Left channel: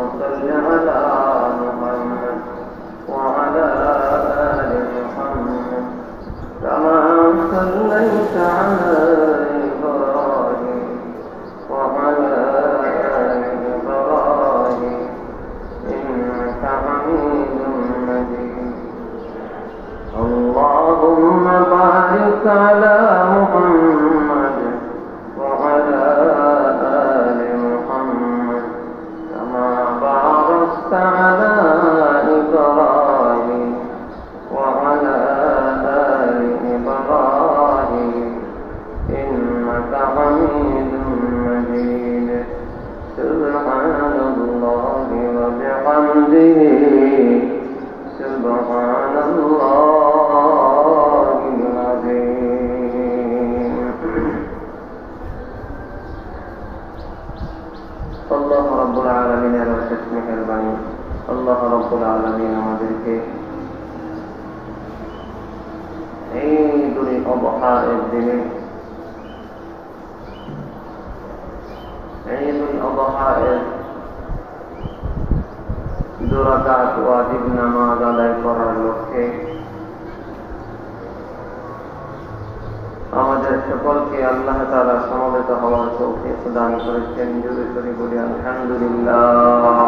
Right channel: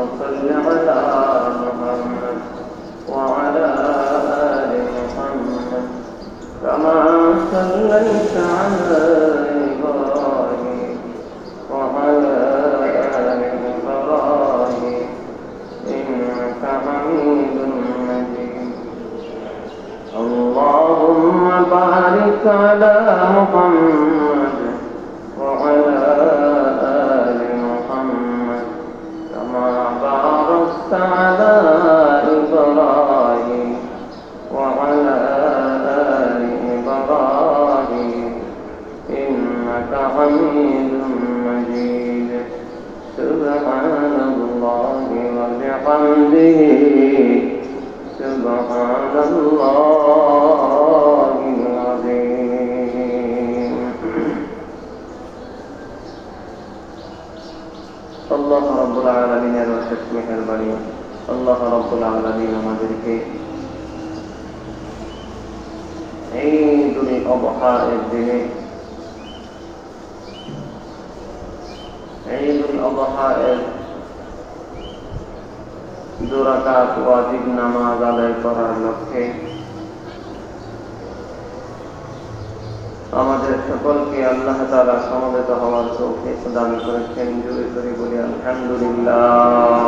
صل على محمد وعلى آل محمد كما صليت على إبراهيم وعلى آل إبراهيم إنك حميد مجيد اللهم بارك على محمد وعلى آل محمد كما باركت على إبراهيم وعلى آل إبراهيم إنك حميد مجيد سبحان الله وبحمده سبحان الله العظيم الله رب العالمين وشكمك البني الله رب العالمين আমাদেরকে عيد الأضحى الدين عيد الأضحى দুরাকাত ওয়াজিব নামাজ আদায় করার লক্ষ্যে আমাদের সকলকে আল্লাহ তাআলা সমবেত হওয়ার তৌফিক দান করেছেন। জোরে জোরে বলি আলহামদুলিল্লাহ।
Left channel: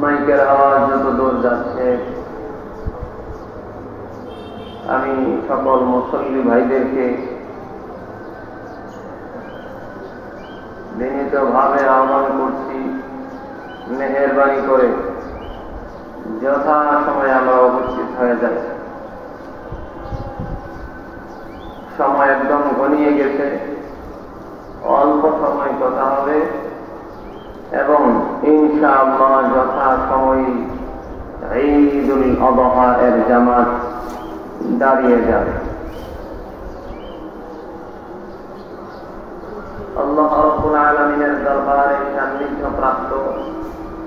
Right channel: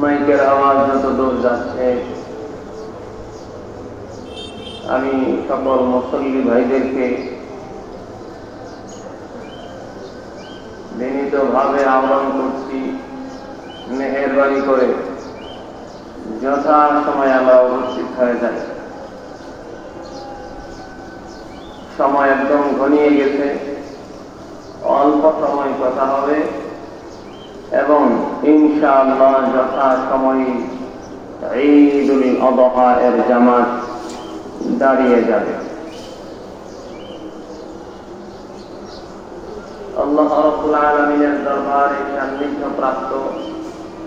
মাইকের আওয়াজ যত দূর যাচ্ছে আমি সকল মুসল্লি ভাইদেরকে বিনীতভাবে আহ্বান করছি, মেহেরবানি করে যথা সময় আমরা উপস্থিত হয়ে যাই। সময় একদম ঘনিয়ে গেছে, অল্প সময় কথা হবে এবং ইনশাআল্লাহ যথা সময় ঈদুল আযহা এর জামাত দাঁড়িয়ে যাবে। আল্লাহ রাব্বুল আলামিনের দরবারে সান্নিধ্যপ্রাপ্ত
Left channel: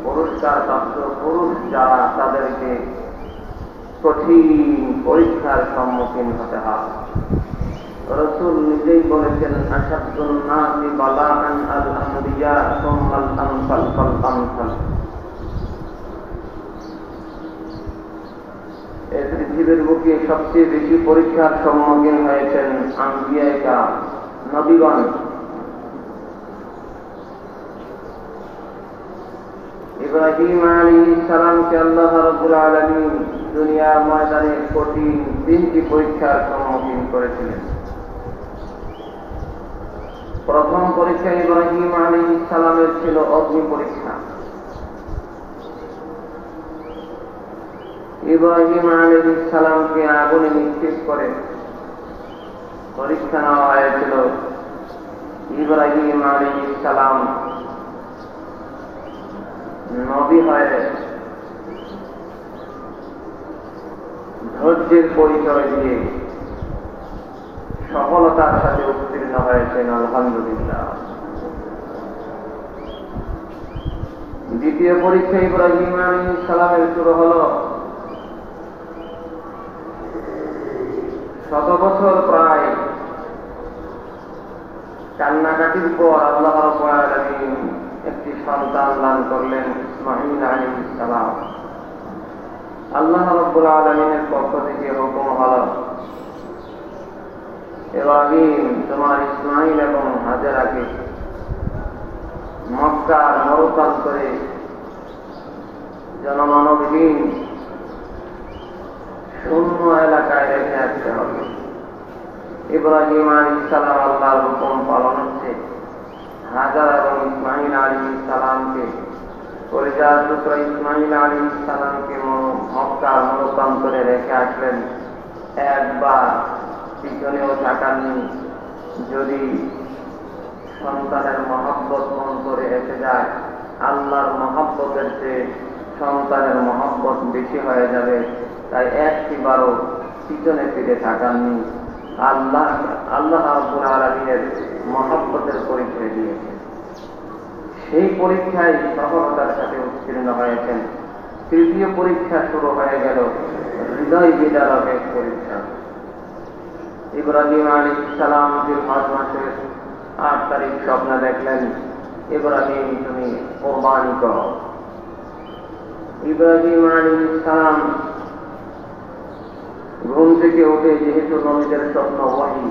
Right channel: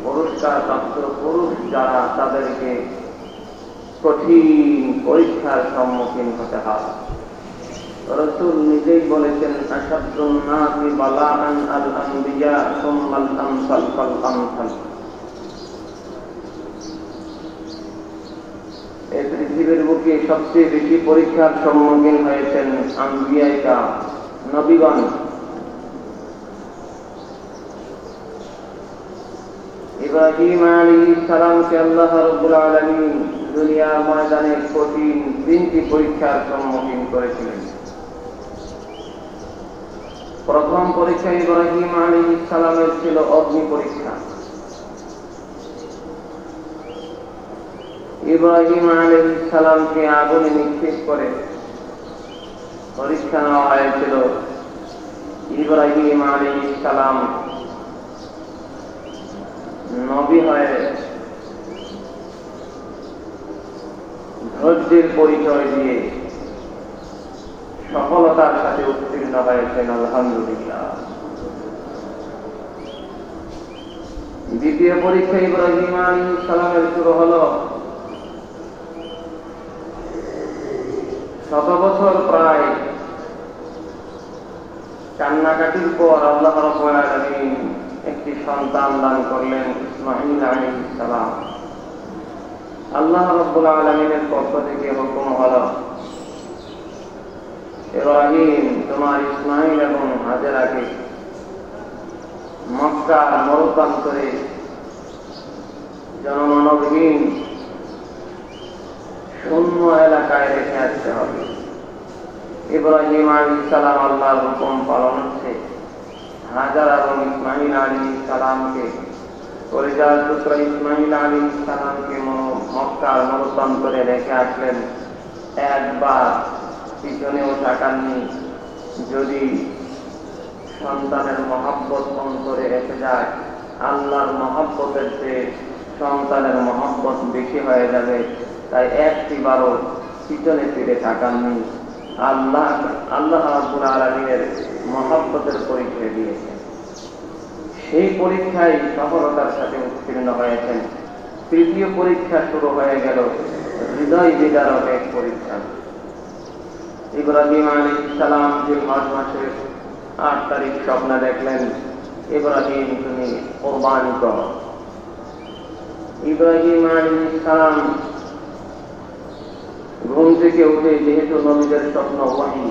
পুরস্কারপ্রাপ্ত পুরুষ যারা, তাদেরকে কঠিন পরীক্ষার সম্মুখীন হতে হয়। রাসূল নিজেই বলেছেন, আশাদ্দুন নাসি বালাআন আল আনবিয়া সুম্মাল আমসাল ফাল আমসাল। এই পৃথিবীর বুকে সবচেয়ে বেশি পরীক্ষার সম্মুখীন হয়েছেন আম্বিয়া নবীগণ। ইব্রাহিম আলাইহিস সালামকে আল্লাহ রাব্বুল আলামিন দুনিয়ার ময়দানে কঠিন তিনটি পরীক্ষার সম্মুখীন করেছিলেন। প্রথম পরীক্ষা ইব্রাহিম আলাইহিস সালামের ছিল অগ্নি পরীক্ষা। ইব্রাহিম আলাইহিস সালামকে আগুনে নিক্ষেপ করে পরীক্ষা নেওয়া হয়েছিল। ইব্রাহিম আলাইহিস সালাম নবী হয়ে ধৈর্যের পরিচয় দিয়ে সফলতার সাথে উত্তীর্ণ হয়েছেন, আলহামদুলিল্লাহ। দ্বিতীয় পরীক্ষা ইব্রাহিম আলাইহিস সালামের শুরু হলো শত বছর প্রায় কান্নাকাটির পর আল্লাহ রাব্বুল আলামিন একটি সন্তান দান করলেন, ইসমাঈল আলাইহিস সালাম। আল্লাহ রাব্বুল আলামিনের পক্ষ থেকে হুকুম হলো, ইব্রাহিম তোমার ইসমাঈল এবং হাজেরাকে মক্কার মরুপ্রান্তরে জনমানবহীন শূন্য এলাকায় রেখে আসতে হবে। ইব্রাহিম আলাইহিস সালাম আল্লাহর হুকুম পালন হচ্ছে। হাজার এবং ইসমাঈল আলাইহিস সালামকে কলিজার টুকরা ইসমাঈল আলাইহিস সালামকে মক্কার মরুপ্রান্তরে রেখে আসলেন। একবার পিছনেও তাকাননি। যদি সন্তানের মহব্বত অন্তরে এসে যায়, আল্লাহর মহব্বতের চেয়ে সন্তানের মহব্বত বেশি হয়ে যাবে। তাই একটিবারও পিছনে ফিরে তাকাননি। আল্লাহ রাব্বুল আলামিনের মহব্বতের পরিচয় দিয়েছেন। সেই পরীক্ষায় সফলতার সাথে উত্তীর্ণ হয়েছেন। তৃতীয় পরীক্ষা শুরু হয়ে গেল হৃদয় বিদারক এক পরীক্ষা। ইব্রাহিম আলাইহিস সালাম জিলহজ মাসের 8 তারিখ স্বপ্নে দেখলেন, ইব্রাহিম তুমি কুরবানি করো। ইব্রাহিম আলাইহিস সালাম ঘুম থেকে উঠে, যেহেতু নবীদের স্বপ্ন ওহী,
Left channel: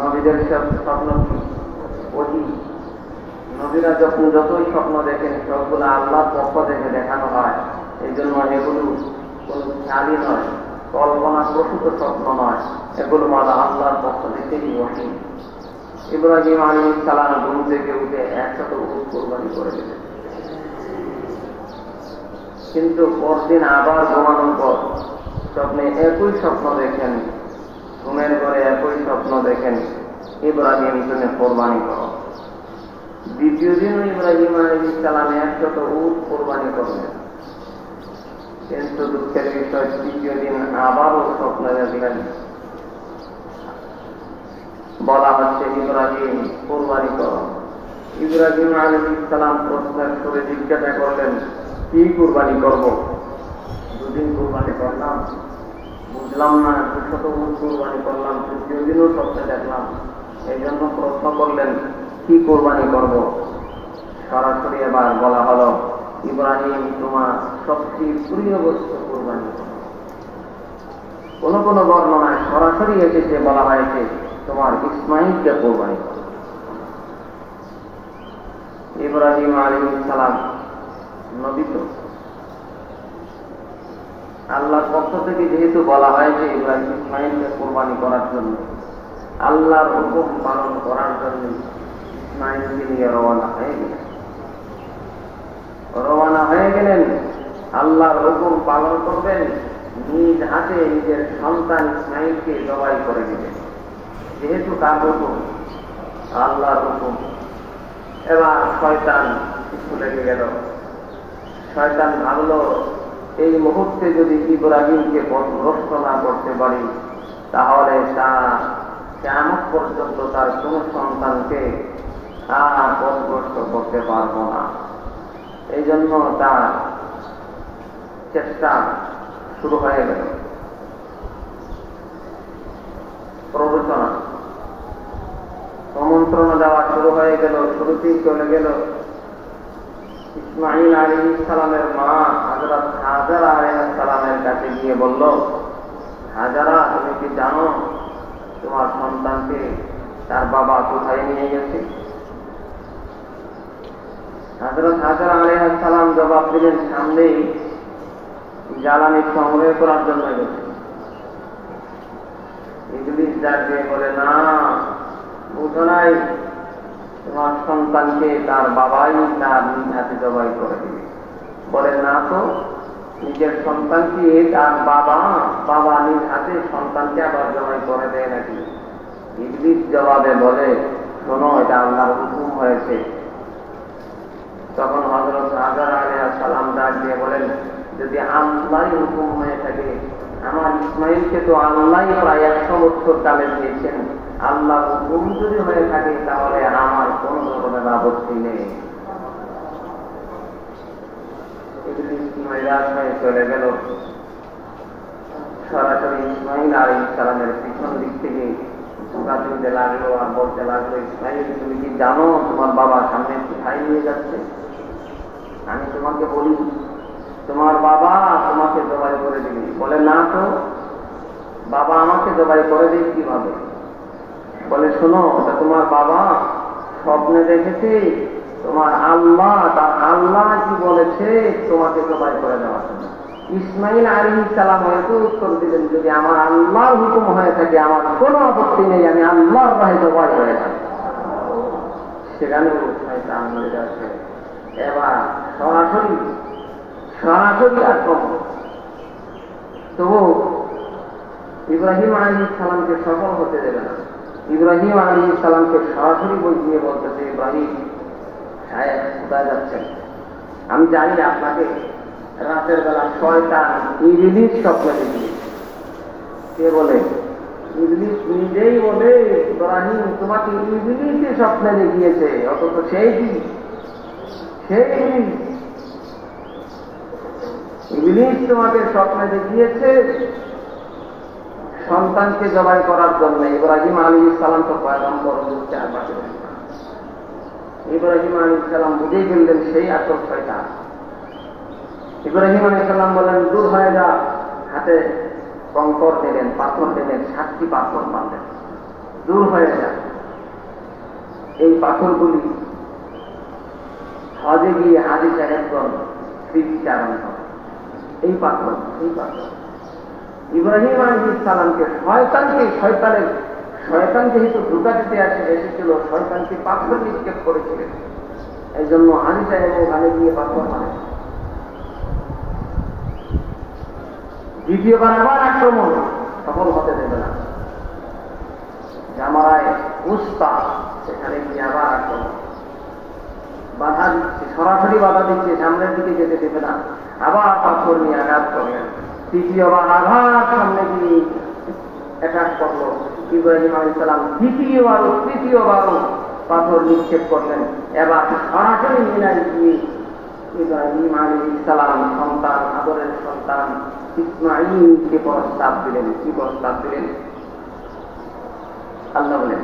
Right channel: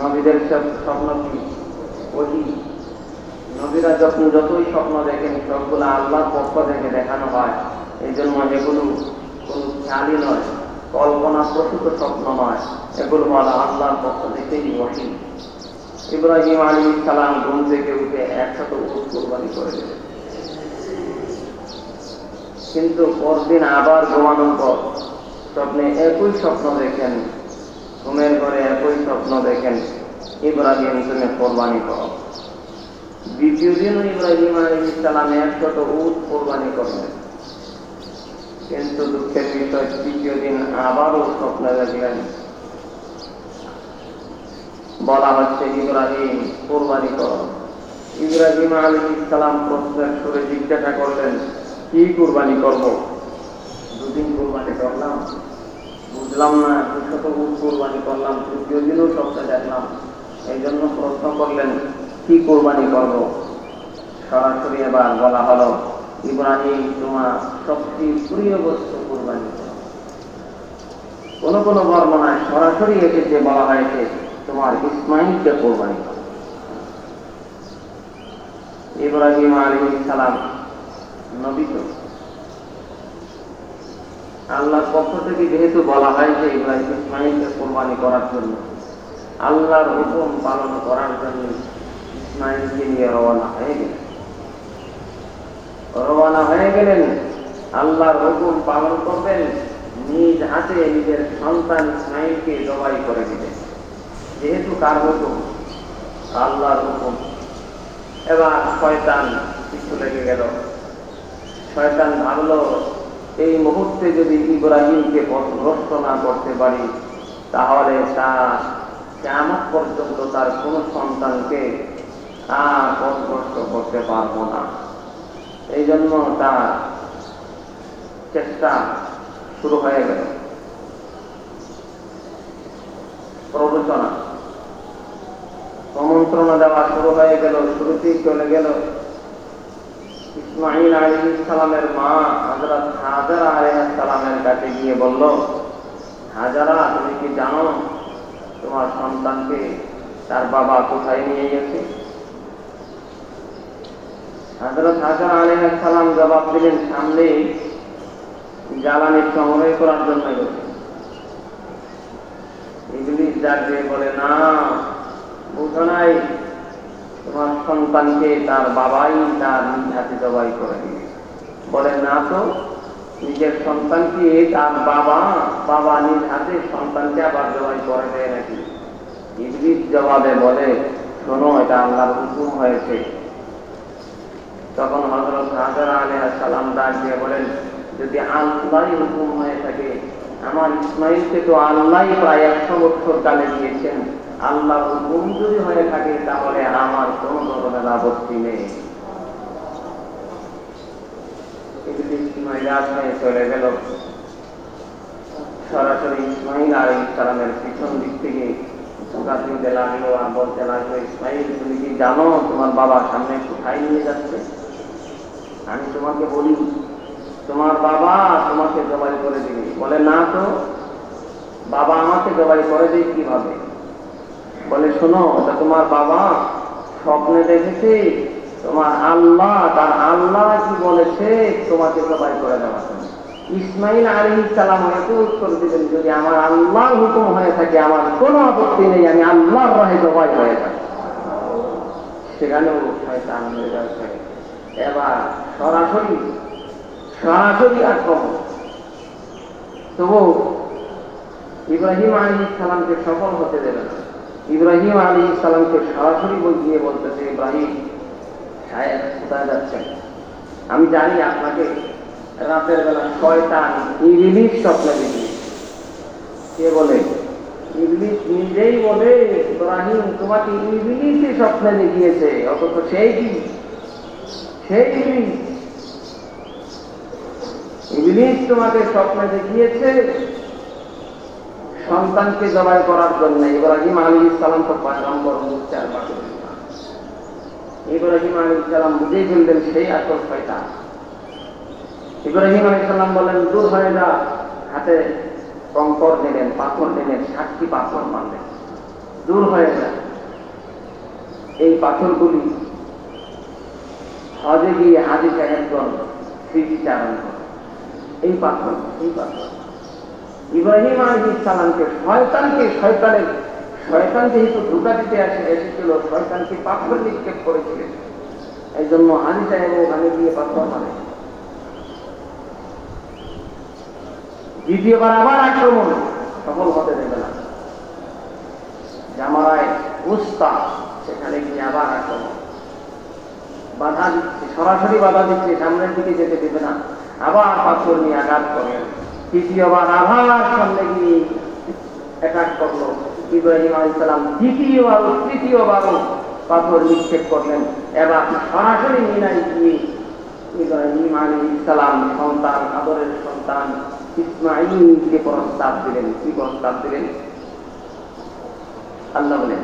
নবীদের স্বপ্ন কি ওহী, নবীরা যতই স্বপ্ন দেখেন সবগুলো আল্লাহর পক্ষ থেকে দেখানো হয়। এই জন্য এগুলো কোন খেয়ালই নয়, কল্পনা প্রসূত স্বপ্ন নয়, এগুলো হলো আল্লাহর পক্ষ থেকেই ওহী। ইব্রাহিম আলাইহিস সালাম ঘুম থেকে উঠে 100 উট কুরবানি করে দিলেন। কিন্তু পরদিন আবার ঘুমানোর পর স্বপ্নে একই স্বপ্ন দেখেন, ঘুমের ঘরে একই স্বপ্ন দেখেন, ইব্রাহিম তুমি কুরবানি করো। দ্বিতীয় দিন ইব্রাহিম আলাইহিস সালাম 100 উট কুরবানি করলেন। কিন্তু দুঃখের বিষয়, তৃতীয় দিন আবারও স্বপ্ন দেখলেন, বলা হচ্ছে ইব্রাহিম কুরবানি করো। ইব্রাহিম আলাইহিস সালাম প্রশ্নের সুরে জিজ্ঞাসা করলেন, কি কুরবানি করব? দুদিন কুরবানি করলাম, বুঝলাম না, 200 উট কুরবানি করলাম, তৃতীয় দিনও স্বপ্নে দেখলাম, এই জন্য প্রশ্ন করলেন কি কুরবানি করব? সরাসরি এবার বলা হলো, ইব্রাহিম তোমার সবচেয়ে প্রিয় বস্তু কুরবানি করো। কোন কোন বর্ণনায় সরাসরি এসেছে, বলা হয়েছে তোমার ইসমাঈলকে কুরবানি করো। ইব্রাহিম আলাইহিস সালাম নবী তো, আল্লাহর পক্ষ থেকে যেহেতু বলা হয়েছে ইব্রাহিম ইসমাঈলকে কুরবানি করার জন্য, আল্লাহর হুকুম পালন করার জন্য ইসমাঈলকে নিয়ে রওনা হয়ে গেলেন। আল্লাহর হুকুম পালন করবেন, নিজ হাতে নিজের সন্তান ইসমাঈলকে জবাই করে দিলেন। যেহেতু কার হুকুম? আল্লাহর হুকুম। এবার শয়তান পিছু লেগে গেল। শয়তান ভাবলো, এই মুহূর্তে যদি ইব্রাহিমকে পথভ্রষ্ট না করতে পারি, তাহলে তারা কিয়ামত পর্যন্ত তার কোন সন্তানকে আর পথভ্রষ্ট করতে পারবো না। এই জন্য তার চেষ্টা শুরু হয়ে গেল, প্ররোচনা, আমন্ত্রণা দেওয়া শুরু হয়ে গেল। শুরুতেই চলে গেল ইসমাঈল আলাইহিস সালামের মা হযরত হাজরা আলাইহিস সালামের কাছে গিয়ে বলল, হাজরা তুমি কি জানো তোমার সন্তানকে তার বাবা কোথায় নিয়ে গেছে? হযরত হাজরা আলাইহিস সালাম জবাব দিলেন, সামনেই জ্বালানি সংগ্রহ করার জন্য গেছে। ইবলীস ডাকে বলে, না বুঝো নাই, তোমার সন্তানকে তার বাবাই তার নিজ হাতে জবাই করে দিবে। বলে, না তো, নিজের সন্তানকে তার বাবা নিজ হাতে সন্তানকে আবার জবাই করে দেয় নাকি? ইবলীস জবাবে বলে, শোনো, এটা আল্লাহর হুকুম হয়েছে। তখন হযরত হাজরা আলাইহিস সালাম ডাক দিয়ে বলেন, যদি আল্লাহর হুকুম হয়ে থাকে, আমার ইসমাঈলকে তো আল্লাহই প্রায় 100 বছর কালে দিয়েছেন, আল্লাহর হুকুম যদি হয়ে থাকে তাহলে আমার কোন ধরনের আপত্তি নেই। চলে গেল, সরাসরি ইসমাঈল আলাইহিস সালামের পিছন দিক থেকে ধোঁকা দিতে লাগলো আর বলতে লাগলো, ইসমাঈল তুমি কি জানো তোমার বাবা সামনে কোথায় নিয়ে যাচ্ছে? আমি তোমাকে বলি, তোমার বাবা তোমাকে জবাই করে দিবে। বলে, না তো, বাবা আমাকে জবাই করে দেয় কিভাবে? বলে, শোনো, তোমার বাবা স্বপ্নে দেখেছে তোমার আল্লাহ, তার আল্লাহ কি বলেছে তোমাকে জবাই করে দেওয়ার জন্য। ইসমাঈল আলাইহিস সালাম হয়তো উত্তর দিলেন, যদি আমার আল্লাহর হুকুম হয়ে থাকে আমার কোনো আপত্তি নেই, আমি আল্লাহর রাহে জবাই হয়ে যাব। সেখানে শয়তান হয়ে যাচ্ছে। এবার সরাসরি আক্রমণ। তবু ইব্রাহিম আলাইহিস সালামকে সফল হতে দেবে না। ইব্রাহিম আলাইহিস সালামকে সরাসরি গিয়ে বলতেছে, ইব্রাহিম সাহেব কোথায় যাচ্ছেন? আমি জানি আপনাকে রাতের বেলা শয়তান ইবলীস স্বপ্ন দেখেছে। কে বলে? ইবলীস নিজেই বলে, ইব্রাহিম তোমাকে ইবলীসই স্বপ্নে দেখিয়েছে। অথচ সেই কি? সেই ইবলীস তোমাকে স্বপ্নে দেখিয়েছে। সন্তানকে জবাই করার জন্য ইব্রাহিম আলাইহিস সালাম তো পয়গম্বর ইব্রাহিম আলাইহিস সালাম বুঝেই ফেললেন সেই আসল শয়তান। ইব্রাহিম আলাইহিস সালাম বললেন, দূর হয়ে যা। হাতে কঙ্কর দিলেন, পাথর দিলেন, 7টি পাথর মারলেন, দূর হয়ে যা। এই পাথরগুলি হজে গিয়ে হাজি সাহেবগণ স্মৃতিচারণ করে। এই পাথর ইব্রাহিম আলাইহিস সালামকে শয়তান যেহেতু ধোঁকা দিতে এসেছিল, শয়তানকে পাথর নিক্ষেপ করেছিলেন। এই জন্য হাজি সাহেব ওখানে গিয়ে পাথর মারে। দ্বিতীয়বার আবার আক্রমণ, সফল হতে দেবে না। জামারায় উস্তা, সেখানে গিয়ে আবার আক্রমণ, বাধা দিচ্ছে, সরাসরি বাধা দিচ্ছে, সামনের দিকে যেতে দেবে না। আবার পাথর নিয়ে আঘাত করেন। তৃতীয়বার আবার সামনে গিয়ে অ্যাটাক করলো ইব্রাহিম আলাইহিস সালাম। তৃতীয়বারও পাথর নিক্ষেপ করলেন। এবার সরাসরি মিনায় গিয়ে ইব্রাহিম আলাইহিস সালাম সন্তান, আদরের সন্তান ইসমাঈলকে প্রস্তাব দিলেন। কি প্রস্তাব দিলেন? আল্লাহ বলেন,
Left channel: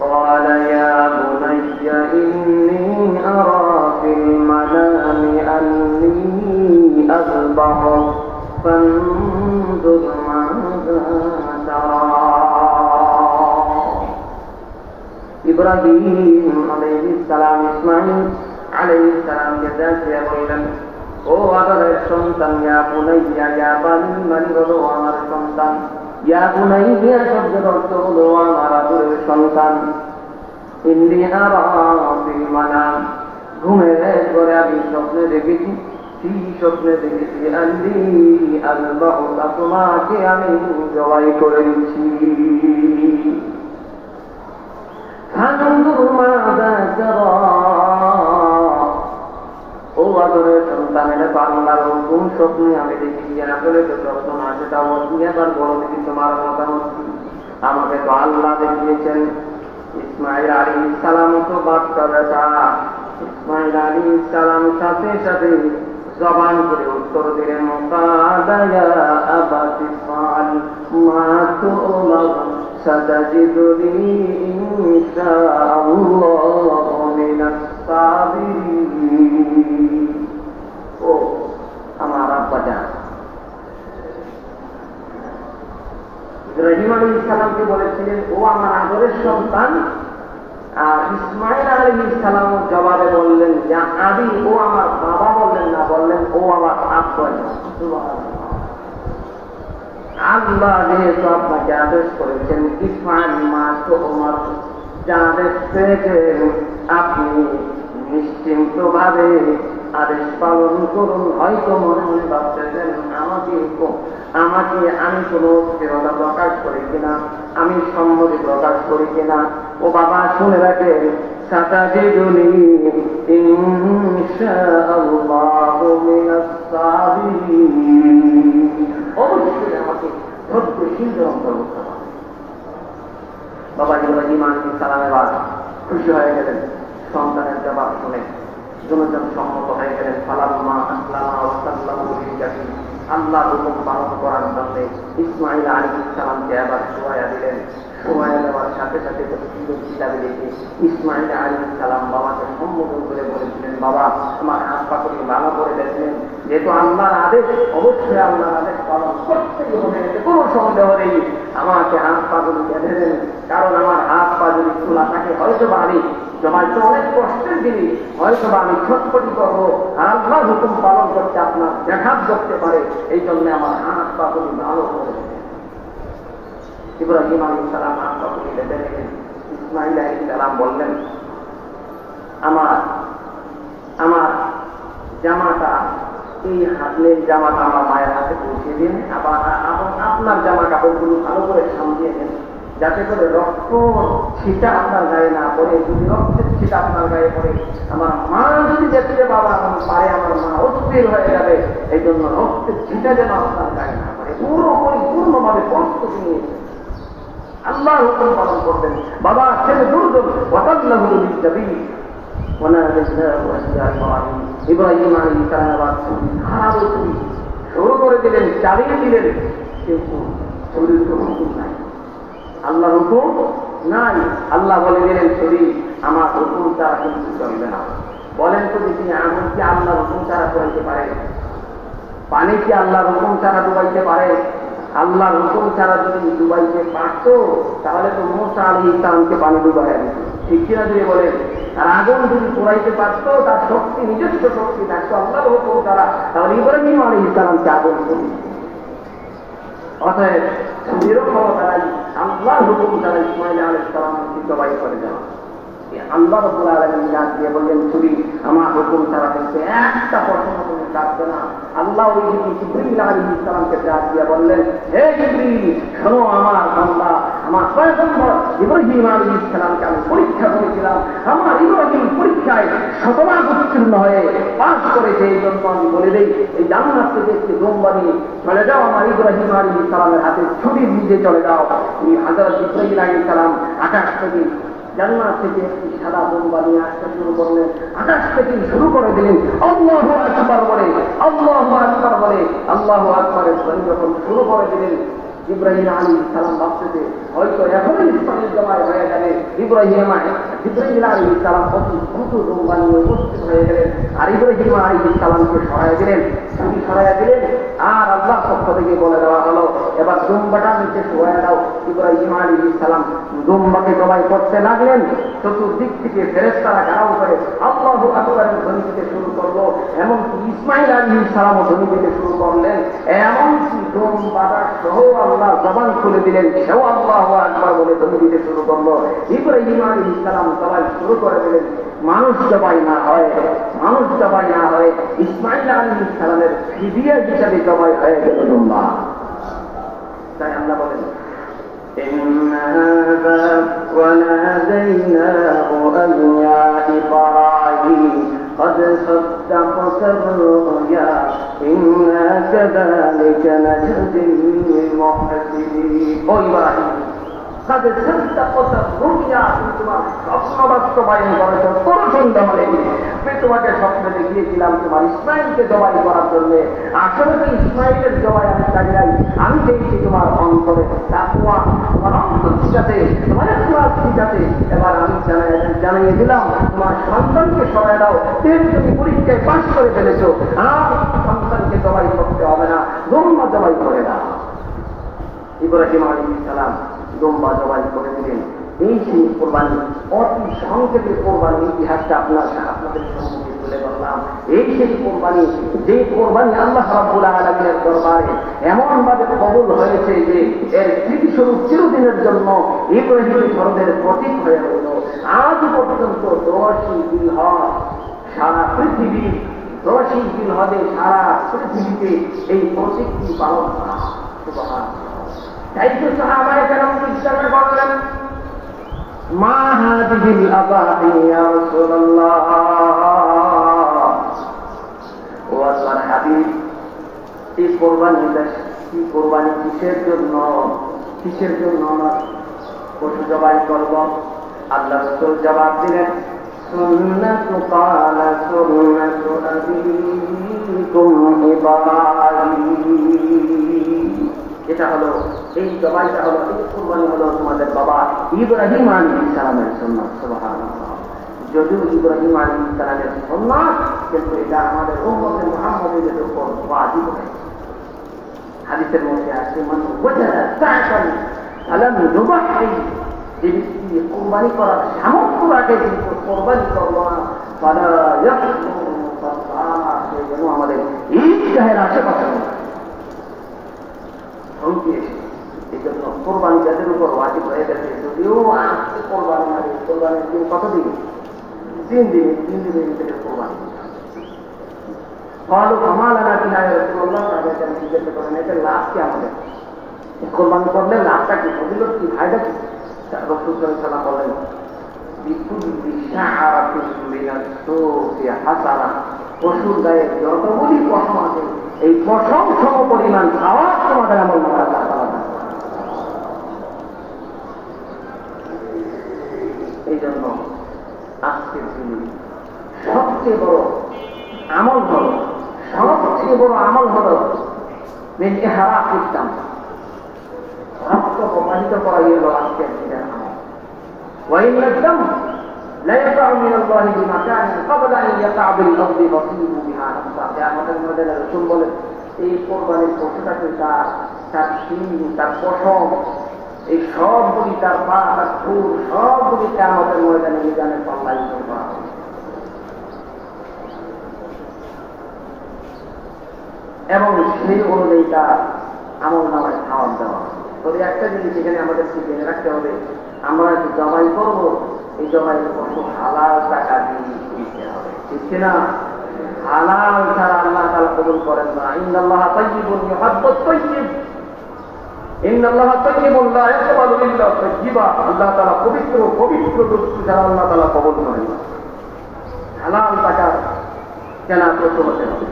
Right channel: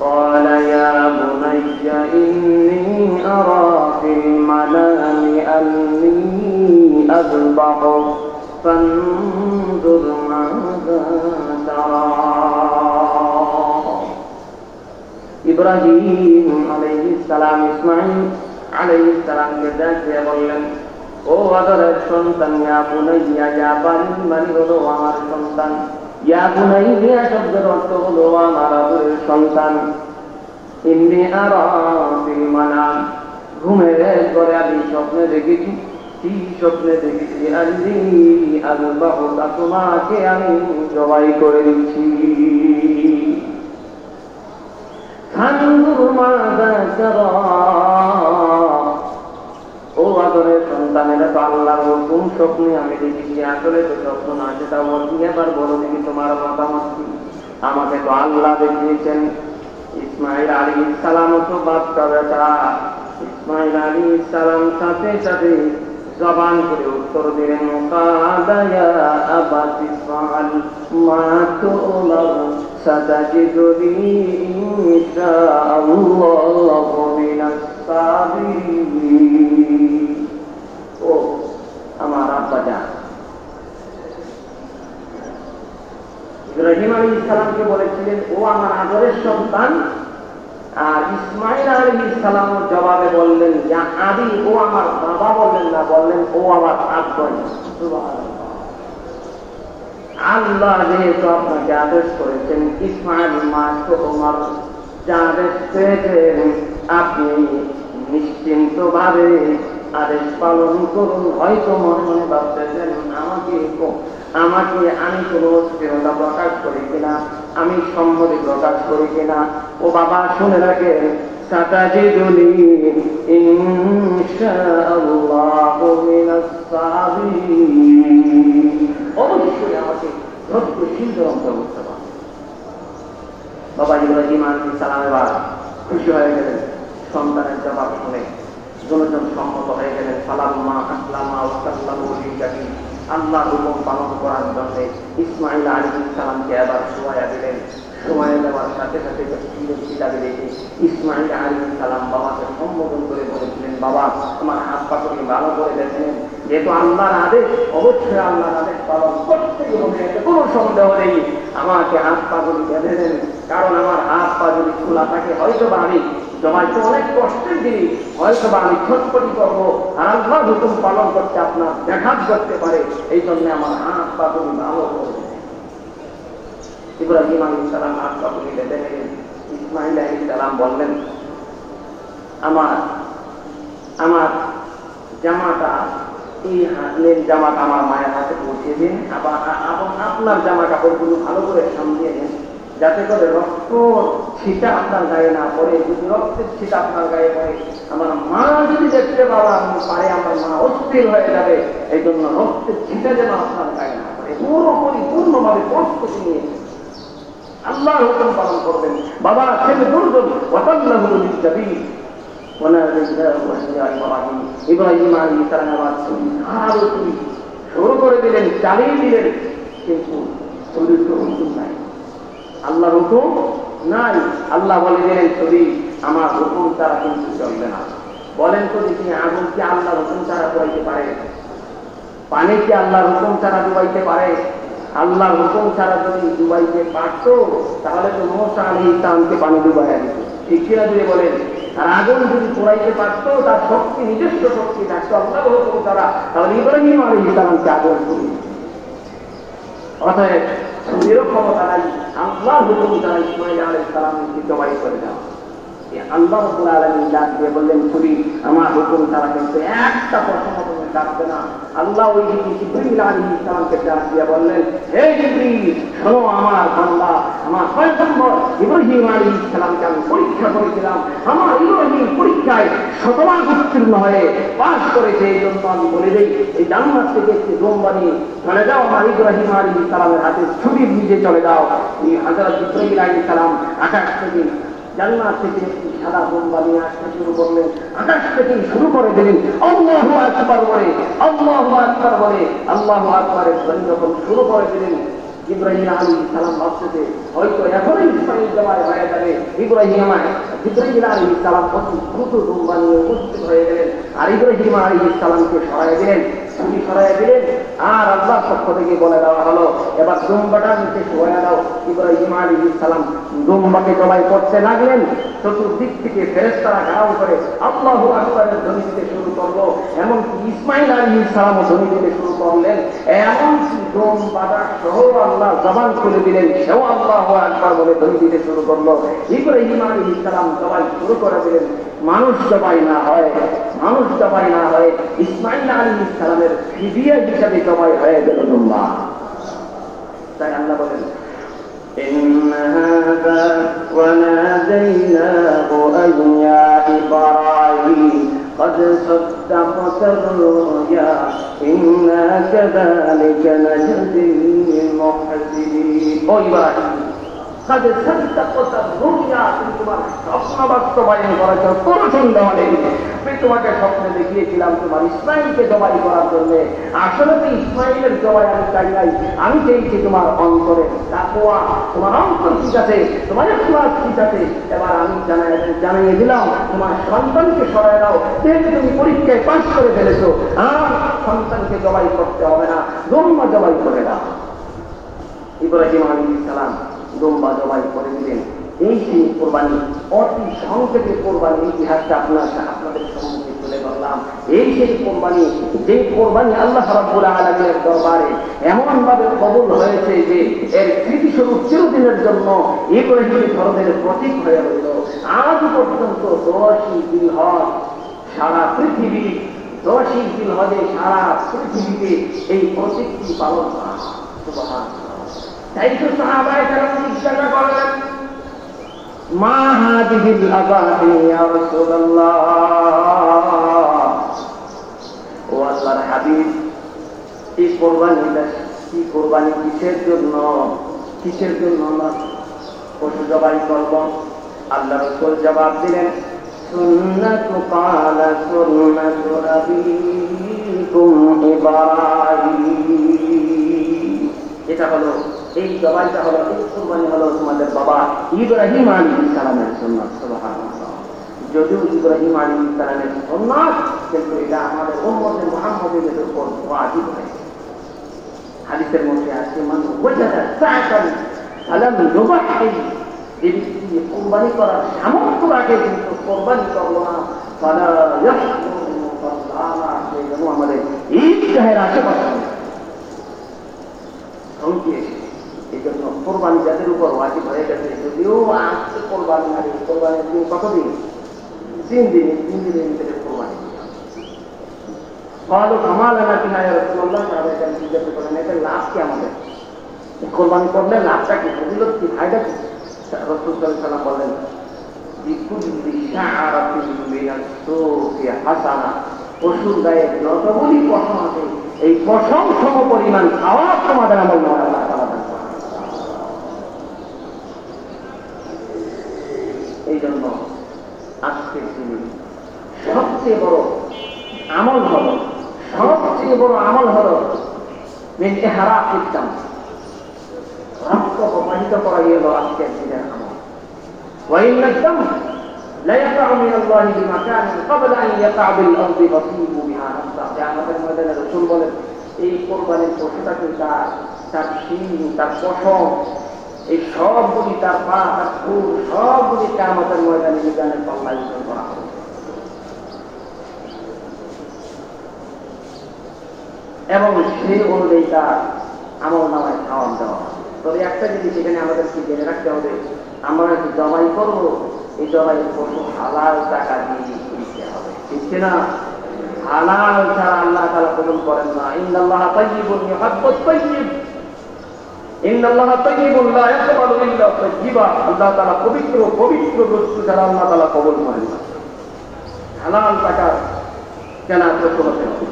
قال يا بني إني أرى في المنام أني أذبحك فانظر ماذا ترى। ইব্রাহিম আলাইহিস সালাম ইসমাঈল আলাইহিস সালামকে ডাকিয়ে বললেন, ও আদরের সন্তান, ইয়া বুনাইয়া, ইয়া বানি হলো আমার সন্তান, ইয়া বুনাইয়া শব্দের অর্থ হলো আমার আদরের সন্তান। ইন্নী আরা ফিল মানাম, ঘুমের ঘরে আমি স্বপ্নে দেখেছি। কি স্বপ্নে দেখেছি? আল্লি আযবাহুকা, তোমাকে আমি জবাই করে দিচ্ছি। ফানজুর মাযা তারা, ও আদরের সন্তানের আল্লাহর কোন স্বপ্নে আমি দেখেছি? আসলে তো স্বপ্ন না, সেটা বলছি। এবার বলো দেখি তোমার মতামত কি? আমাকে তো আল্লাহ দেখিয়েছেন। ইসমাঈল আলাইহিস সালাম তো বাচ্চা বেটা। ইসমাঈল আলাইহিস সালাম সাথে সাথে জবান করে উত্তর দিলেন, কাদা ইয়া আবাতি ফাল মা তু'মার সাতাজিদুনি ইনশাআল্লাহু মিনাস সাবিরিন। ও আমার আব্বা জান, ইব্রাহিম আলাইহিস সালামকে বলেছিলেন ও আমার আদরের সন্তান, আর ইসমাঈল আলাইহিস সালাম জবাবে বললেন যা আদি, ও আমার বাবা বললেন না, বললেন ও আমার আব্বা। আল্লাহ যেহেতু আপনাকে আদেশ করেছেন ইসমাঈল মা তো ওমর, যা আদেশ পেয়েছেন আপনি নিশ্চিন্ত ভাবে আদেশ পালন করুন। হয়তো মনে মনে ভাবতেছেন আমাকে আমি কোনো অস্থিরতা প্রকাশ করি কিনা, আমি সম্মতি প্রকাশ করি কিনা। ও বাবা শুনে রাখেন, সাতাজিদুনি ইনশাআল্লাহু মিনাস সাবিরিন, অবশ্যই আমাকে ধৈর্যশীল অন্তর্ভুক্ত করুন। বাবা ইব্রাহিম আলাইহিস সালাম এবার খুশি হয়ে গেলেন সন্তানের জবাব শুনে, দুজন সম্মত হয়ে গেলেন। ফালাম্মা আসলামা ওয়া সাল্লামু লিল-জামিল, আল্লাহর হুকুম পালন করার জন্য ইসমাঈল আলাইহিস সালামকে আবার শোয়া দিলেন। শোয়া দেওয়ার সাথে সাথে কিতাবে দেখি ইসমাঈল আলাইহিস সালাম বাবাকে সম্বোধন করে বলেছিলেন, বাবা তোমার হাত পাকড়ি ভালো করে দেখলেন, যেহেতু আল্লাহর আদেশ, অবশ্যই আল্লাহর আদেশ পালন করতেই হবে, এতে কোনো সন্দেহ নেই। আমাকে হাত পাকড়ি বেঁধে দেন, কারণ আমার হাত পা যদি খোলা থাকে হয়তো বা আমি জমাতে অনেক কষ্টের জিনিস, হয়তো বা আমি ছটফটি করবো, আর আল্লাহর হুকুম পালন করতে আপনার ব্যাঘাত করতে পারে। এই জন্য আমার হাত পাকড়ি ভালো করে দেন। ইব্রাহিম আলাইহিস সালাম হাত পাকড়ি বেঁধে নিলেন। ইসমাঈল আলাইহিস সালাম বললেন, আমার জামাটা, এই হাতের জামাটা আমার মায়ের হাতে পৌঁছে দিন, আবার আপনার জামা কাপড়গুলো ভালো করে সামলিয়ে দেন, যাতে করে রক্ত ছিটা আপনার গায়ে না পড়ে। যদি রক্তের ছিটা আপনার গায়ে পড়ে, আমার মা যদি দেখতে পারে আমার মা অস্থির হয়ে যাবে। এই জন্য রক্তের ছিটা যেন আপনার গায়ে না পড়ে, পূর্ণভাবে প্রস্তুতি নিয়ে আল্লাহর হুকুম পালন করবেন। বাবা ছেলে দুর্যোগ ওয়াতাল্লাহু লিল-জাবিন, ইব্রাহিম আলাইহিস সালাম শুরু করে দিলেন, চালিয়ে দিলেন। কিন্তু ছুরির তো হুকুম নাই, আল্লাহর হুকুম নাই। আল্লাহ বলে দিলেন ছুরি আমার হুকুম ছাড়া কিন্তু চলবে না। বলেন তো দেখি, আগুন কি আল্লাহর হুকুম ছাড়া ডুবাইতে পারে? পানি কি আল্লাহর হুকুম ছাড়া ডুবাইতে পারে? আল্লাহর হুকুম ছাড়া যদি ডুবাইতে পারত তাহলে তো মুসা আলাইহিস সালামকে পানি ডুবাইয়া দিত, ঠিক কিনা দিয়ে বলেন? আর আগুন যদি চড়াইতে পারতো, তার শক্তি নিজস্ব শক্তি থাকতো আল্লাহর হুকুম ছাড়া, তাহলে ইব্রাহিম আলাইহিস সালামকে আগুন করে দিত। অতএব ছুরিরও ক্ষমতা নাই, আল্লাহর হুকুম ছাড়া ইসমাঈল আলাইহিস সালামকে জবাই করে দেওয়া। আল্লাহ রাব্বুল আলামিন ডাক দিয়ে বললেন ছুরি আমার হুকুম ছাড়া কিন্তু একটা প্রশ্ন তুমি কাটবে না। আল্লাহ ওই দিকে জিবরীল আলাইহিস সালামকে ডাক দিয়ে বললেন, হে জিবরীল শোনো, আমার বান্দা আমার পয়গম্বর ইব্রাহিম আলাইহিস সালামকে আমি পরীক্ষা করেছিলাম, আমার ইব্রাহিম পরীক্ষায় শতভাগ উত্তীর্ণ হয়ে পাস করেছে। এই জন্য আমি বলে দিই, এই জান্নাত থেকে একটু দোম্বা নিয়ে চলে যাও, আমার ইব্রাহিম আলাইহিস সালামের হাতে ছুরি দিয়ে চলে যাও। এই হযরত জিবরীল আলাইহিস সালাম আকাশ থেকে জান্নাত থেকে একটি সাদা দোম্বা নিয়ে আসতে শুরু করলেন, আকাশ থেকে শুরু করে দিলেন আল্লাহু আকবার বলে, আল্লাহু আকবার বলে, আল্লাহু আকবারের ধ্বনি যখন শুরু করে দিলেন, ইব্রাহিম আলাইহিস সালাম ভাবতে হয়তো এখনই ইসমাঈল জবাই হয়ে গেলে ইব্রাহিম আলাইহিস সালাম অতি দ্রুত দোম্বা নিয়ে উপস্থিত হয়ে গেলেন, আর ইব্রাহিম আলাইহিস সালামকে সরাইয়া দিলেন, ছুরি সরাইয়া দিলেন। আর আল্লাহ পক্ষ থেকে বলে দেওয়া হলো, এবার দোম্বাটা নিচে সরাইয়া দাও। ইব্রাহিম আলাইহিস সালাম দোম্বাকে জবাই করতে লাগলেন, চতুর্দিক থেকে ফেরেশতারা গাও করে আল্লাহু আকবারের ধ্বনি থেকে শুরু করলো, এমনকি ইসমাঈল আলাইহিস সালামও ধ্বনি থেকে শুরু করলেন। এমনকি দোম্বাটা সহ আল্লাহ জবান খুলে দিলেন, সেও আল্লাহু আকবার বলে ধ্বনি দিতে শুরু করলো। ইব্রাহিম আলাইহিস সালাম জবাই শুরু করে দিলেন। মানুষ জবাই না হয়, মানুষ জবাই না হয়, ইসমাঈল আলাইহিস সালামের ফিদিয়া হিসাবে জবাই হয়ে গেল দোম্বা। তাই আল্লাহ বলেন, إن هذا وناديناه أن يا إبراهيم قد صدقت الرؤيا إنا كذلك نجزي المحسنين। ও ইব্রাহিম, قد صدقت الرؤيا, তোমার স্বপ্ন বাস্তবায়ন করেছ, কোনো সন্দেহ নেই। আমি তোমাকে স্বপ্নে দেখিয়েছিলাম তোমার ইসমাঈলকে জবাই করার জন্য। আসলে তো ইসমাঈলের জবাই আমি চাই নাই, আমি চেয়েছি তোমার অন্তরে তাকওয়া, তোমার অন্তর ঠিক আছে, তোমার ইখলাস ঠিক আছে। এবার আমি জানিয়ে দিলাম তোমার সন্তানকে সরাই দাও, যেহেতু তুমি পরীক্ষায় পাস করে ফেলেছো, আর সন্তানকে জবাই করতে হবে না, দোম্বা জবাই করে দাও। ইব্রাহিম আলাইহিস সালাম দোম্বা জবাই করে দিলেন। এই যে কোরবানি, অতি সংক্ষেপে কোরবানি ইতিহাসটা আপনাদের সম্মুখে তুলে ধরলাম। এই সেই কোরবানি, যে কোরবানি আল্লাহ রাব্বুল আলামিনের দরবারে এমন ভাবে কবুল হয়েছে যে এর স্মৃতিস্বরূপ চিরদিনের জন্য ইব্রাহিম ধর্মের প্রতীক হয়ে রইল। আজ পর্যন্ত 10ই জিলহজ সারা পৃথিবী, 10ই জিলহজে সারা পৃথিবীতে এই প্রতীকটি পালন করা হয়। তাই তো সাহাবায়ে কেরাম জিজ্ঞাসা করলেন, মা হাদিহিল আযাহি ইয়া রাসূলুল্লাহ, ও আল্লাহর হাবিব, এই কোরবানিটা কি কোরবানি, কিসের জন্য, কিসের জন্য আমরা পশু জবাই করব? আল্লাহ রাসূল জবাব দিলেন, সুন্নাতু কালা সুন্নাতু নবিয়্যিকুম ইব্রাহিম। এটা হলো, এই জবাইটা হলো, এই কুরবানি হলো তোমাদের বাবা ইব্রাহিম আলাইহিস সালামের সুন্নাত। সুবহানাল্লাহ। যদিও ইব্রাহিম আলাইহিস সালামের সুন্নাত, কিন্তু এটা আমাদের উম্মতে মুহাম্মাদের উপর ওয়াজিব হয়েছে। হাদিসের মধ্যে আছে, মান ওয়াজাদা সাআতান ফালাম ইউবাহি, যে ব্যক্তি কুরবানি করার সামর্থ্য রাখে কিন্তু কুরবানি করল না, ফালা ইয়াহকুমু মুসাল্লাহ, সে যেন আমাদের ঈদগাহের আশেপাশে এই জন্য কোরবানি যাদের উপর ওয়াজিব হয়ে গেছে, যদিও আজকে কোরবানি হয়, কোরবানির দিন কতদিন? 3 দিন, 3 দিনের ভিতরে কোরবানি। ভালো আমালানা কি হয় রাসূলুল্লাহ তাদের কাছে জিজ্ঞাসা করেন, এটা লাভ কি আমাদের? কোরবানি করলে লাভটা কি, ফজিলত কি, ফায়দা কি? রাসূল সাল্লাল্লাহু আলাইহি ওয়াসাল্লাম বলেন, বিকুল্লি শাআরাতিন মিনাস সুফি হাসানা, পশুর গায়ে যতগুলি পশম আছে এই পশম সম পরিমাণ খাওয়া তোমাদের আমল করা। এই জন্য আজকের দিনে সবচেয়ে বড় আমল হল, সবচেয়ে বড় আমল হল ইহরাক ইসলাম। প্রবাহিত করাই হলো আজকের দিনের আমল। وإن الدم لا يقع من الله بمكان قبل أن يقع بالأرض فصيبوا بها نفسا। আমাদের মধ্যে রাসূল বলেন এই কোরবানির পশুটাকে তার শিং, তার পশম, এই সবগুলি, তার পা, তার ফুল, সবগুলি কিয়ামতের ময়দানে মিজানের পাল্লায় করা হবে এবং সেই অনুযায়ী তার আমল নামায় খাওয়ান দেওয়া। তবে একটা জিনিস এখানে আমাদেরকে জেনে রাখতে হবে, আমরা একটু জবাই করবো, এই জবাই পশু হালাল টাকা দিয়ে কিনতে হবে, ঠিক না? হালাল ছাড়া আল্লাহ তাআলা কবুল করেন না। ইন্নাল্লাহা তাইয়্যিবুন ইউহিব্বুত তাইয়্যিব, ইন্নাল্লাহা তাইয়্যিবুন লা ইয়াকবালু ইল্লা তাইয়্যিবা। আল্লাহ তাআলা পবিত্র পবিত্র বস্তু ছাড়া আল্লাহ তাআলা কবুল করেন না। হালাল টাকা কেনা পশু হতে হবে।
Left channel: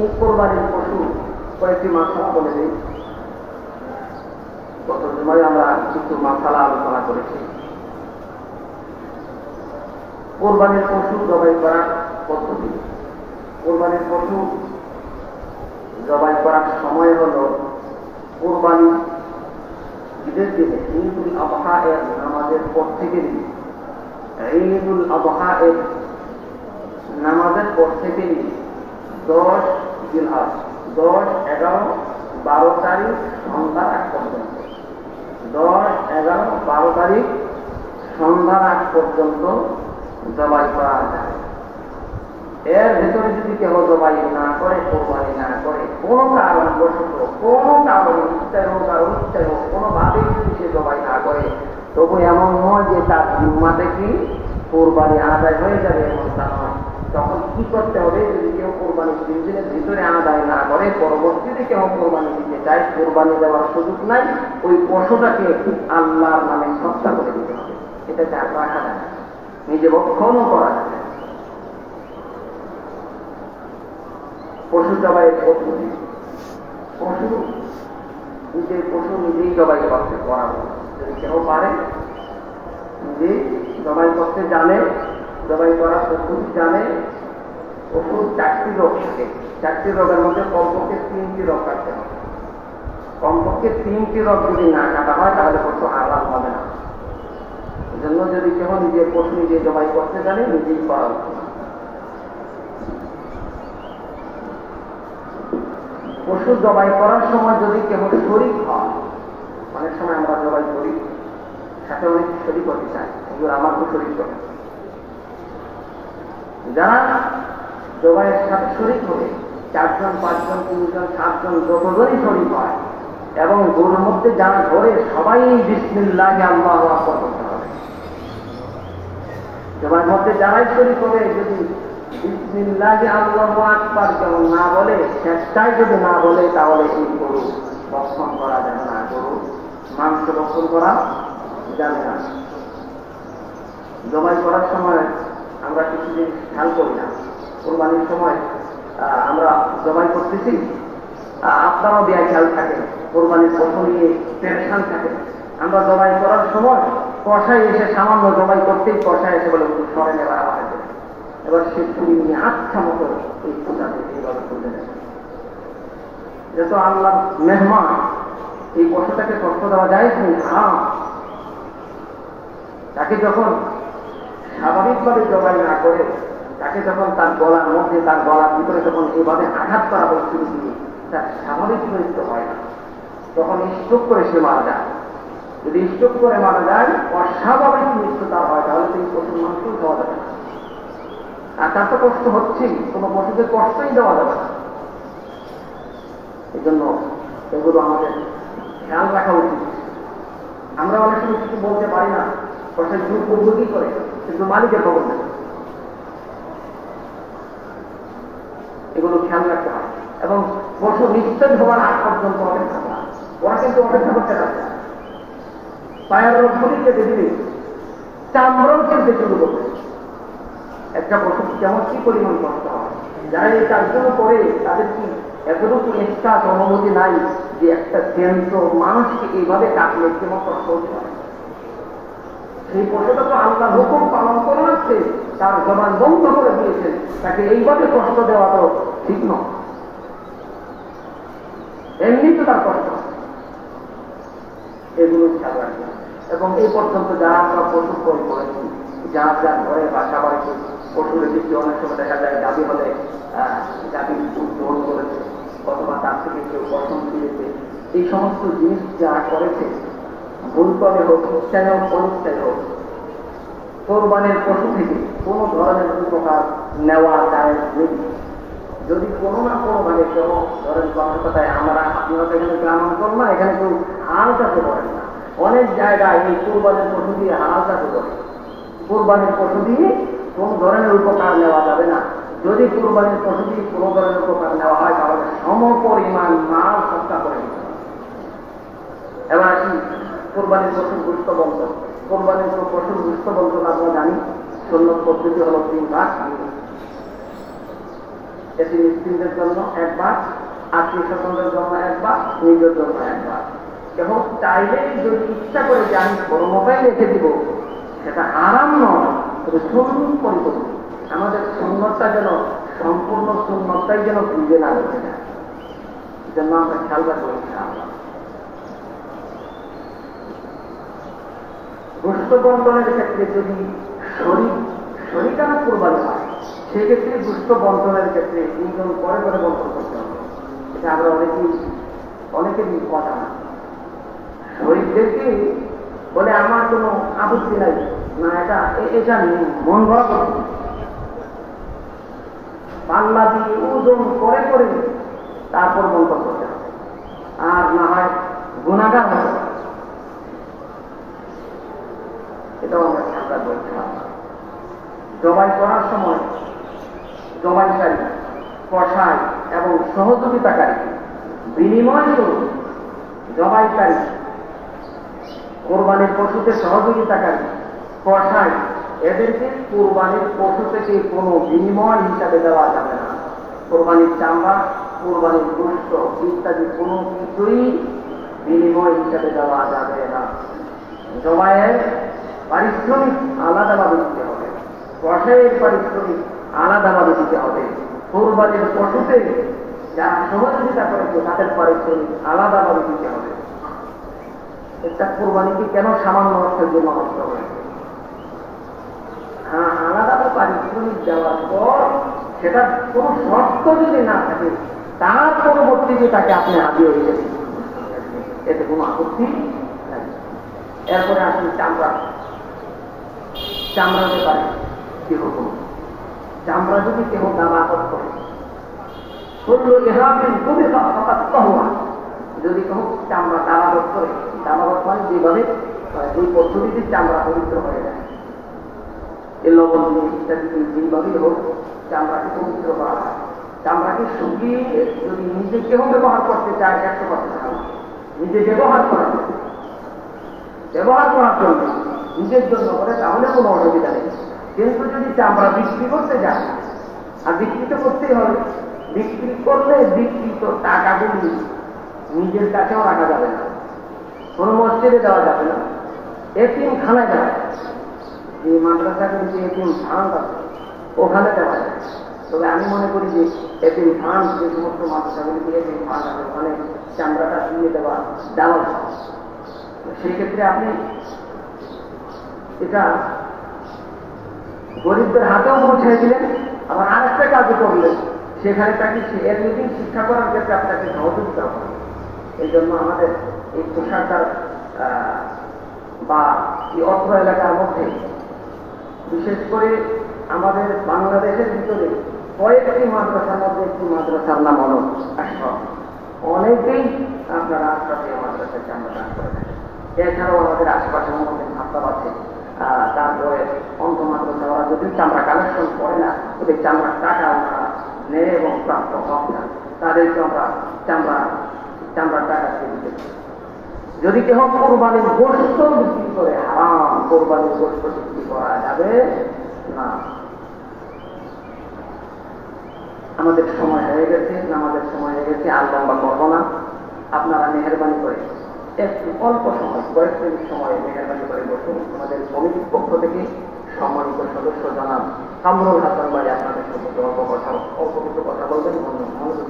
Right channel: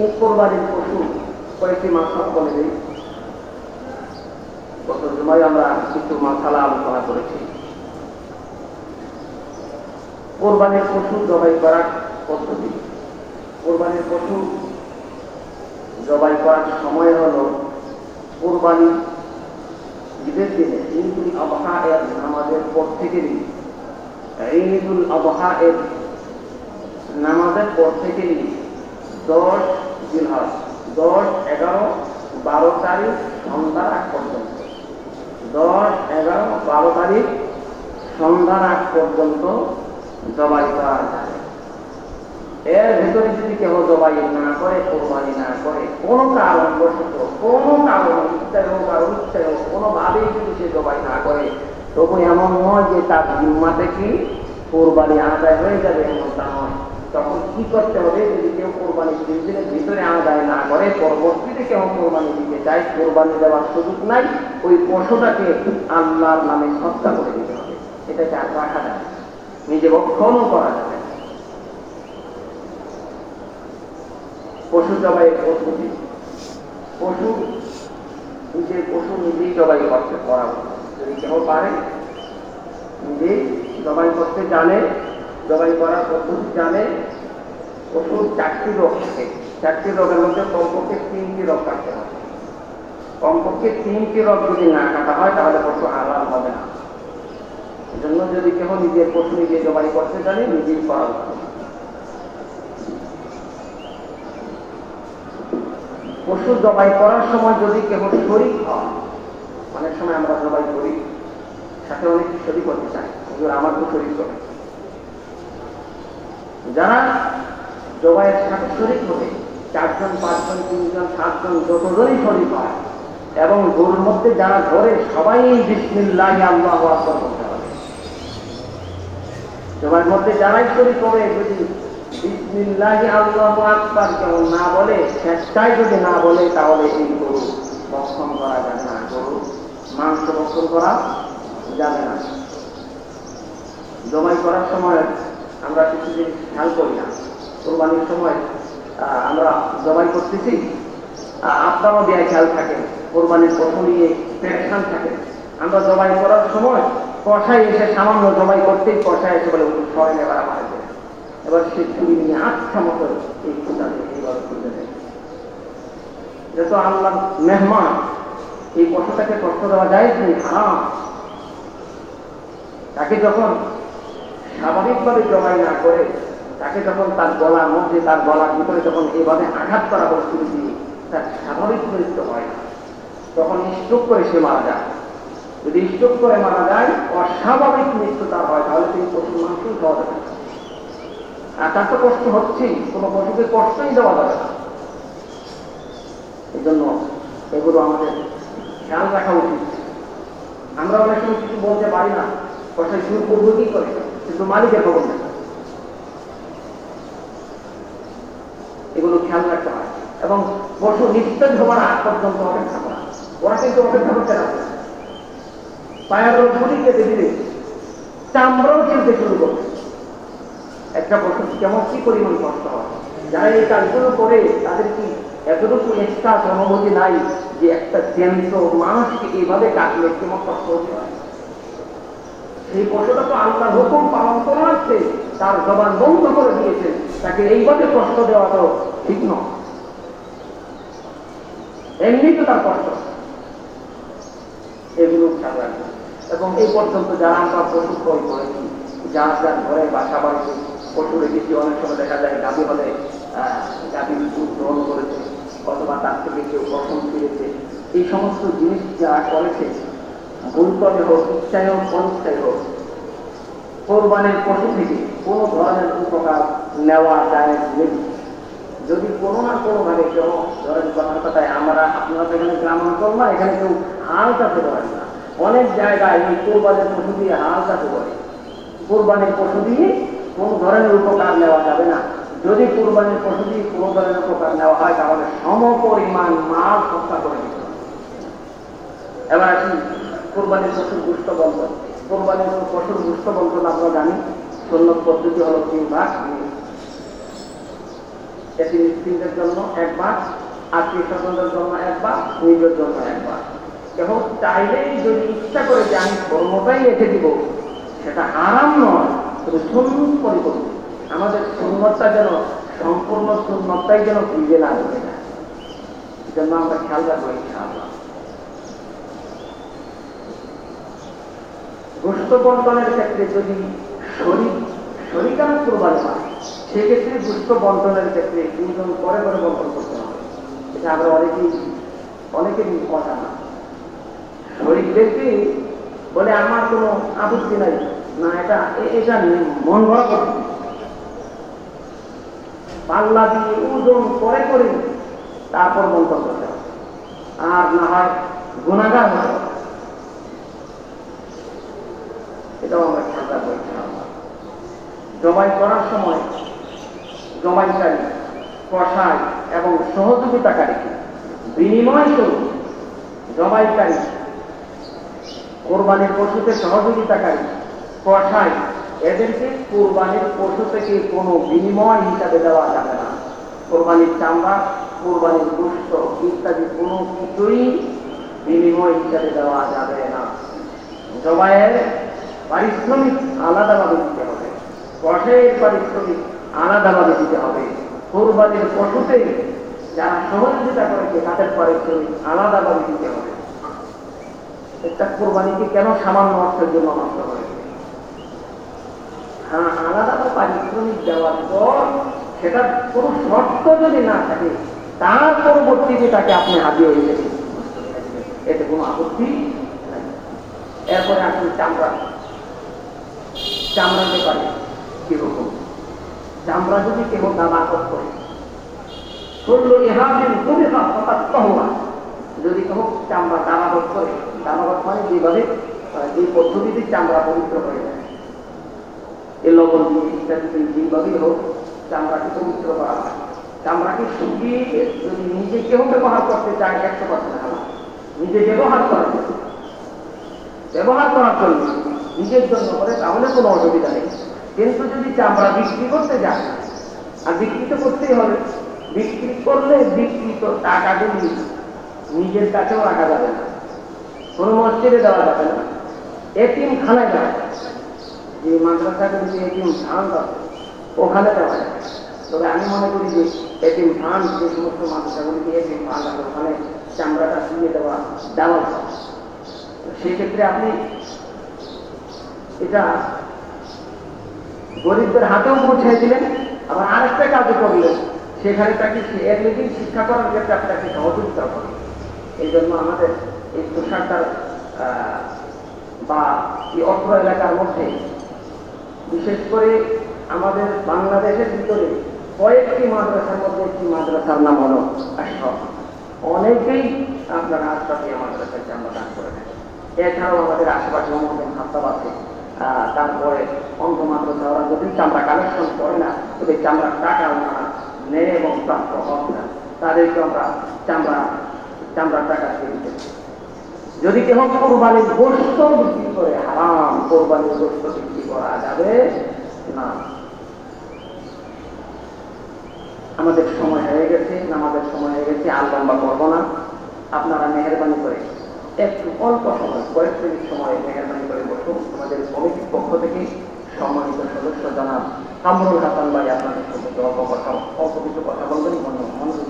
এই কোরবানির পশু কয়েকটি মাসালা বলে দিই। গত জুমায় আমরা কিছু মাসালা আলোচনা করেছি। কোরবানির পশু জবাই করার পদ্ধতি। কোরবানির পশু জবাই করার সময় হল কোরবানি ঈদের দিনে ঈদুল আযহা এর নামাজের পর থেকে, ঈদুল আযহা এর নামাজের পর থেকে 10 জিলহজ, 10, 11, 12 তারিখ সন্ধ্যার আগ পর্যন্ত, 10, 11, 12 তারিখ সন্ধ্যার আগ পর্যন্ত জবাই করা যায়। এর ভিতরে যদি কেউ জবাই না করে, কোরবানি না করে, কোনো কারণবশত, কোনো কারণ, ইচ্ছা হোক আর ইচ্ছা হোক, কোনোভাবেই যদি সে জবাই না করে, তবু এমন নয় যে তার জিম্মাতে কি কোরবানি আদায় হয়ে যাবে, এমনটা নয়। তখন কি করতে হবে? যদি কেউ কোরবানি দিনের ভিতরে আদায় না করে, পরবর্তীতে কেউ কোরবানি দিতে চায়, কোরবানি দেওয়ার সুযোগ নাই, ওই পশুটাকে আল্লাহর নামে সৎকার করে দিতে হবে। এটা চার রাখা যায়, নিজে ভক্ষণও করা যাবে। পশু জবাই পদ্ধতি, পশু নিজের পশু নিজেই জবাই করতে করা যায়। যদি কেউ পারে, নিজেই জবাই করতে জানে, জবাই করার পদ্ধতি জানে। পশুর 4টি রোগ থাকে, 4টি রোগের মধ্যে কমপক্ষে 3টি রোগ কাটতে হবে। কমপক্ষে 3টি রোগ যদি না কাটা হয় তাহলে পশু হালাল হবে না। এজন্য যদি কেউ নিজের পশু নিজে জবাই করতে জানে, নিজেই করা উচিত। পশু জবাই করার সময় যদি কেউ শরীক হয়, অনেক সময় আমরা জবাই করি, সাথে অনেক শরীক করতে চাই, এগুলো আমার তো শরীক করে। যারা জবাইয়ের সাথে শরীক হবে, 4 জন, 5 জন, 3 জন, 7 জন, যতজনই শরীক হয়, এবং গরুর মধ্যে যারা ধরে সবাই বিসমিল্লাহ আল্লাহু আকবার করতে হবে। জবাইয়ের মধ্যে যারাই শরীক হবে, যদি বিসমিল্লাহ আল্লাহু আকবার কেউ না বলে, শেষটাই যদি না বলে, তাহলে এই গরু ভক্ষণ করা যাবে না, গরু মাংস ভক্ষণ করা যাবে না। জবাই করার সময় আমরা কিছু জিনিস খেয়াল করি না। কোরবানির সময় আমরা জবাই করতেছি, আপনারও দেয়া খেয়াল থাকে, কোরবানির পশু নিয়ে টেনশন থাকে। আমরা জবাই করার সময় কষাই এসে সামান্য জবাই করতেই কষাই এসে বলে সরে নেবার আমাদের, এবার সে চুরি নিয়ে আচ্ছা মতো এই পূজাতে এইভাবে তুলে নেয়। যেহেতু আল্লাহ মেহমান, এই পশুটাকে কষ্ট দেওয়া যায় কি? তাকে যখন স্বাভাবিকভাবে জবাই না করে, তাকে যখন তার গলার মধ্যে, তার গলার ভিতরে যখন এইভাবে আঘাত করা বস্তু দিয়ে তার স্বাভাবিক মৃত্যু হয় না, তখন স্ট্রোক করে সে মারা যায়। যদি স্ট্রোক করে মারা যায়, অস্বাভাবিক মৃত্যু তার হয়, তাহলে তিনি পশুর মাংসই খাওয়া যাবে। আর তার তো কষ্ট হচ্ছেই, কোনো পশুকে কষ্টই দেওয়া যাবে না। এই জন্য এগুলো আমাদের খেয়াল রাখা উচিত। আমরা অনেক সময় কিছু বলতে পারি না, কষ্টের দুর্ভোগী করে, কিন্তু মালিকের খবর নেই। এগুলো খেয়াল রাখতে হয় এবং পশু নিস্তেজ হওয়ার আগ পর্যন্ত অপেক্ষা করা। ওরা কিন্তু অপেক্ষা করতে পারছে না, পায়ের রোগী কেটে দিলে চামড়াও চিনতে শুরু করছে। একটা পশু কেমন কি পরিমাণ কষ্ট হয়, যারা এই কাজগুলো করে তাদের কি এতটুকু এক্সট্রাস অনুমতি নাই যে একটা জ্যান্ত মানুষকে এইভাবে কাটলে কেমন কষ্ট হতে হয়। এই পশুটা তো আল্লাহর হুকুম পালন করে আসছে, তার জবান বন্ধ করে দিয়েছে, তাকে এইভাবে কষ্ট দেওয়া তো ঠিক নয়। এমনি তো তার কষ্ট, এগুলো খেয়াল রাখবে। এবং এই পর্যন্ত যারা আমরা পশু ক্রয় করেছি, যারা যার ঘরে বাসা বাড়িতে পশু রেখেছি, অনেক সময় দেখা যায় গাভী হলে গাভীর দুধ গ্রহণ করেছে অথবা তার থেকে কেউ পছন্দ ফিরেছে, এই সমস্ত জিনিস যারা করেছে ভুলক্রমে হোক, ইচ্ছায় হোক, অনিচ্ছায় হোক, কোরবানির পশু থেকে কোনো ধরনের উপকার নেওয়া যায় নেই। যদি কোনো না কোনোভাবে কেউ ধরেন কথায় আমরা আপনারা তো এখানে গ্রামাঞ্চল না, এখানে কেউ হাল চাষে করে না, অনেক জায়গায় এই কোরবানির পশু দিয়ে হাল চাষে করে। কোরবানির পশু দিয়ে কোন ধরনের উপকার নেওয়া যাবে না। যদি কোরবানির পশু দিয়ে কোনো ধরনের উপকার নেওয়া হয় তাহলে সমপরিমাণ মাল সস্তা করে দিতে হবে। এবার কি কোরবানির পশুর গুরুত্ব বন্ধ, কোরবানির পশুর গুরুত্ব বন্ধ আমরা জানি সুন্নত পদ্ধতি হল 3 ভাগ। এটি মিসকিনদের জন্য 1 ভাগ, আত্মীয় স্বজনদের জন্য 1 ভাগ, নিজের জন্য 1 ভাগ। এবং চাইলেই যদি ইচ্ছা করে যে আমি কর্মটাই রেখে দিব, সেটা আরাম নয়, তবে সুন্নত পরিপূর্ণ। আমাদের সুন্নতটা যেন সম্পূর্ণ সুন্নতটাই যেন বুঝে না হয়ে যায়, যেন আমরা খেয়াল রাখবো। গোশত বন্টনের ক্ষেত্রে যদি শরীকানা কোরবানি হয়, সেক্ষেত্রে গোশত বন্টনের ক্ষেত্রে 2 জন পরে পরে বন্টন করতে হবে। এটা আমরা অনেকেরই কথা না। শরীরদেরকে বলে আমার কোনো আপত্তি নাই, না এটা মন ভরা করতে পাল্লা দিয়ে ওজন করে করে তারপর বন্টন করতে হবে, আর না হয় গুণাগার হয়। এটাও আমরা খেয়াল রাখবো। জবাই করার সময় জবাইকারী, কসাই এবং সহযোগিতাকারী বিনিময় স্বরূপ জবাইকারী, কোরবানির পশুকে সহযোগিতাকারী, কসাই, এদেরকে কোরবানির পশু থেকে কোনো বিনিময় হিসাবে দেওয়া যাবে না। কোরবানির চামড়া, কোরবানির গোশত ইত্যাদি কোনো কিছুই বিনিময় হিসাবে দেওয়া যাবে না। জবাইয়ের পারিশ্রমিক আলাদাভাবে দিতে হবে, কসাইয়ের পারিশ্রমিক আলাদাভাবে দিতে হবে। কোরবানির পশুতে যারা সহযোগিতা করেছে তাদের পারিশ্রমিক আলাদাভাবে দিতে হবে। একটা কোরবানিকে কেন সামান্য অর্থের জন্য নষ্ট হবে? হ্যাঁ, আলাদা পারিশ্রমিক দেওয়ার পর সেটা কোনো শর্ত যদি না থাকে, তার পরবর্তীতে তাকে আপনি হাজির হয়ে গেছেন, এতে কোনো আপত্তি নাই। এরপরে আসলে চামড়া ব্যাপারে কি রকম? চামড়া যদি কেউ দাবাদত করে, যদি কেউ চামড়া দাবাদত করে, দাবাদত মানে যেভাবে যে পদ্ধতিতে চামড়া পবিত্র হয়ে যায়, এই লবণ দিয়ে ইত্যাদি যেভাবেই হোক চামড়াকে পবিত্র করা হয়। চামড়াকে শুকিয়ে যদি নিজে কেউ ব্যবহার করতে চায় 100%, নিজে ব্যবহার করার জন্য নিজের জন্য করে, তাহলে কোনো অসুবিধা নেই। কিন্তু যদি চামড়া বিক্রি করতে যায়, আর বিক্রি তো করতেই হবে, বিক্রি করলে বিক্রিত টাকাগুলি নিজের কাছেও রাখা যাবে না, কোনো মসজিদে দেওয়া যাবে না, এতিম খানায় যাবে, যে মাদ্রাসাগুলিতে এতিম ফান্ড আছে ওখানে দেওয়া যায়। তবে আমি মনে করি যে এতিম ফান্ড, যে সমস্ত মাদ্রাসাগুলিতে এতিম ফান্ড আছে ওখানে চামড়াটা দিয়ে দেওয়া যায়। সেক্ষেত্রে আপনি এটা গরিবদের হাতেও পৌঁছে দিলেন, আবার আরেকটা কাজও করলেন, সেখানে তাকে এর নিজে শিক্ষা করার ক্ষেত্রে আপনাকে সহযোগিতা করবেন। এই জন্য আমাদের এই পোশাকটার বা এই অত্র এলাকার মধ্যে, বিশেষ করে আমাদের বাংলাদেশের ভিতরে কয়েকটি মাদ্রাসার মধ্যে একটি মাদ্রাসার নাম হল আশরাফ। অনেকেই আপনার আশরাফে মাদ্রাসায় চামড়া দান করে থাকেন। এছাড়াও আমাদের আশেপাশে আমাদের হাসপাতাল আছে, তারপরে অন্য মাদ্রাসা ওরা যদি চামড়া কালেকশন করে না, তবে চামড়ার টাকা ওনারা নেয় এবং প্রাপ্য হত্যা, তাদেরকে আমরা চামড়ার টাকা দিয়ে দিতে। যদি কেউ কোরবানির গোশত বিক্রি করে, হারাম, কোরবানির গোশত বিক্রি করা যাবে না। আমাদের সময় হয়ে গেছে, আর লম্বা করবো না। আপনারা মেহরবানি করে একটু অল্প সময়, কয়েক মিনিট সময় মেহরবানি করে বসুন। আমাদের কমিটির পক্ষ থেকে সম্মানিত সদস্য জনাব কামরুল হাসান ভাই আপনাদের অল্প কিছু কথা বলবেন, মনোযোগ